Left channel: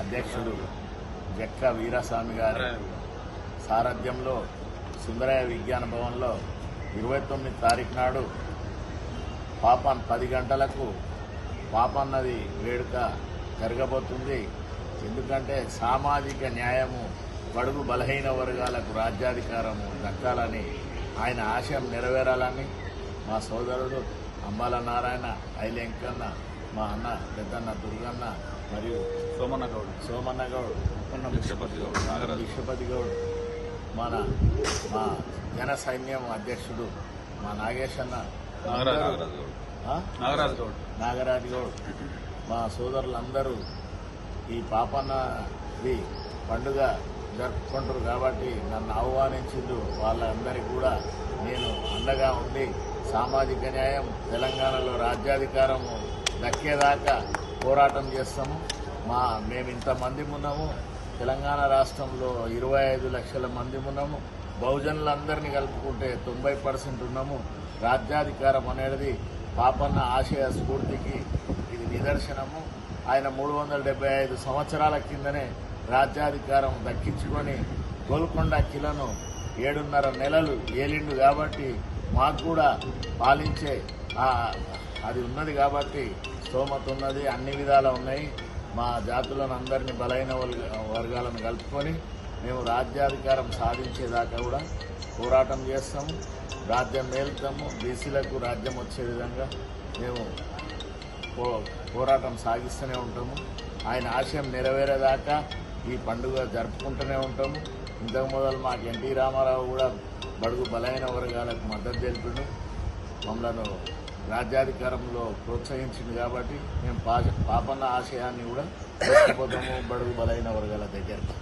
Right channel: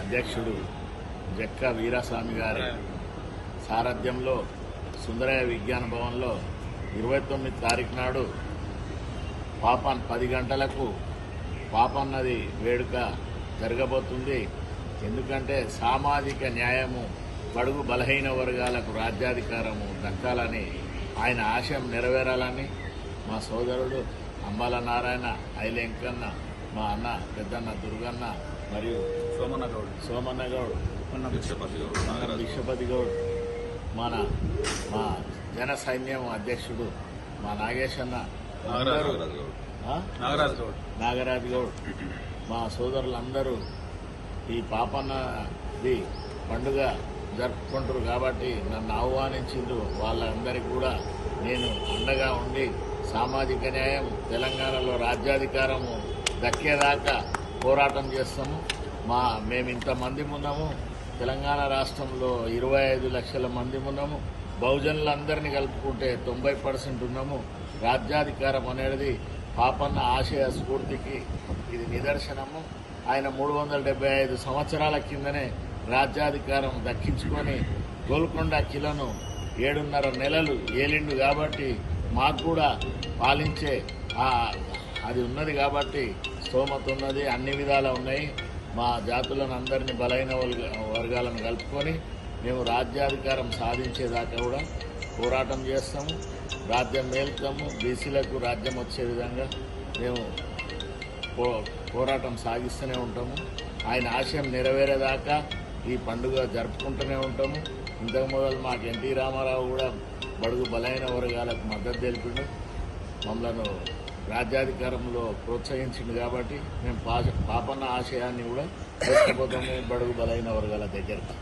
అధ్యక్షుడు జక్క వీరాస్వామి గారి సారథ్యంలో సుందరయ్య విజ్ఞాన భవన్లో 29 తారీఖు నాడు పాపన్ 10 గంటలకు పాపన్నది వేడుక జరగబోతుంది. ఎందుకంటే సామాజిక న్యాయము, బడుగు బలహీన వర్గాలకు రాజ్యాధికారము దక్కాలని, ఆయన ఆశయం నెరవేరాలని మా సోదరుడు అంబాల నారాయణ, ఐలెంకన్న, మా అన్న పెద్దన్న దుర్గన్న మరియు సోమన్న గౌడ్, బిక్షపతి గౌడ్, మా జన సైన్యం అధ్యక్షుడు మా నాగేశన్న, నాగరాజ్ గౌడ్, మా సోదరులందరూ ఈ పాపన్నది పండుగ జరుపుకుంటారు కాబట్టి నన్ను ఆహ్వానించిండు. వాళ్ళందరికీ కూడా నేను అండగా ఉండి సామాజిక న్యాయం, తెలంగాణలో రాజ్యాధికారము దక్కేదాకా పోరాటం చేస్తాము. మేము ఇంతమంది ఉన్నాము, తెలంగాణ రాష్ట్రంలో 25 లక్షల మంది ఉన్నాము. బహుజనులందరినీ కలుపుకుంటే 90% ఉన్నాము. రాజ్యాధికారం అనేది పాపన్న ఆశయ స్ఫూర్తికి ఇది నిదర్శనము. ఆయన 375 సంవత్సరాల కిందనే రాజ్యాధికారం దక్కించుకొని గోల్కొండ కిలను 7.5 నెలలు ఏలిండు కాబట్టి మాకు కూడా పాలించే అది ఉన్నది కాబట్టి స్తోమత ఉన్నది, అన్ని విధాలా ఉన్నాయి. మా జాతులను అందరినీ బలైన వర్గాలను కలుపుకొని మేము రాజ్యాధికారం సాధించేదాకా కూడా పోరాటం చేస్తాము, రాజ్యం మేలుతాము. బీసీలకు రాజ్యం వచ్చే విధంగా మేము పోరాటం సాగిస్తూనే ఉంటాము. ఆయన ఆశయం నెరవేరేదాకా ఈ పండుగ జరుపుకుంటూనే ఉంటాము. ఇంతకు మొదలు మాకు ఎన్టీ రామారావు కూడా బడుగు బలైన వర్గాలకు మద్దతు తెలిపిండు, మమ్మలను రాజ్యాధికారంలో ప్రోత్సహించింది కాబట్టి మేము పాపన్న ఆశయాన్ని కూడా తీసుకుపోతాము బడుగు బలైన వర్గాల దగ్గరికి.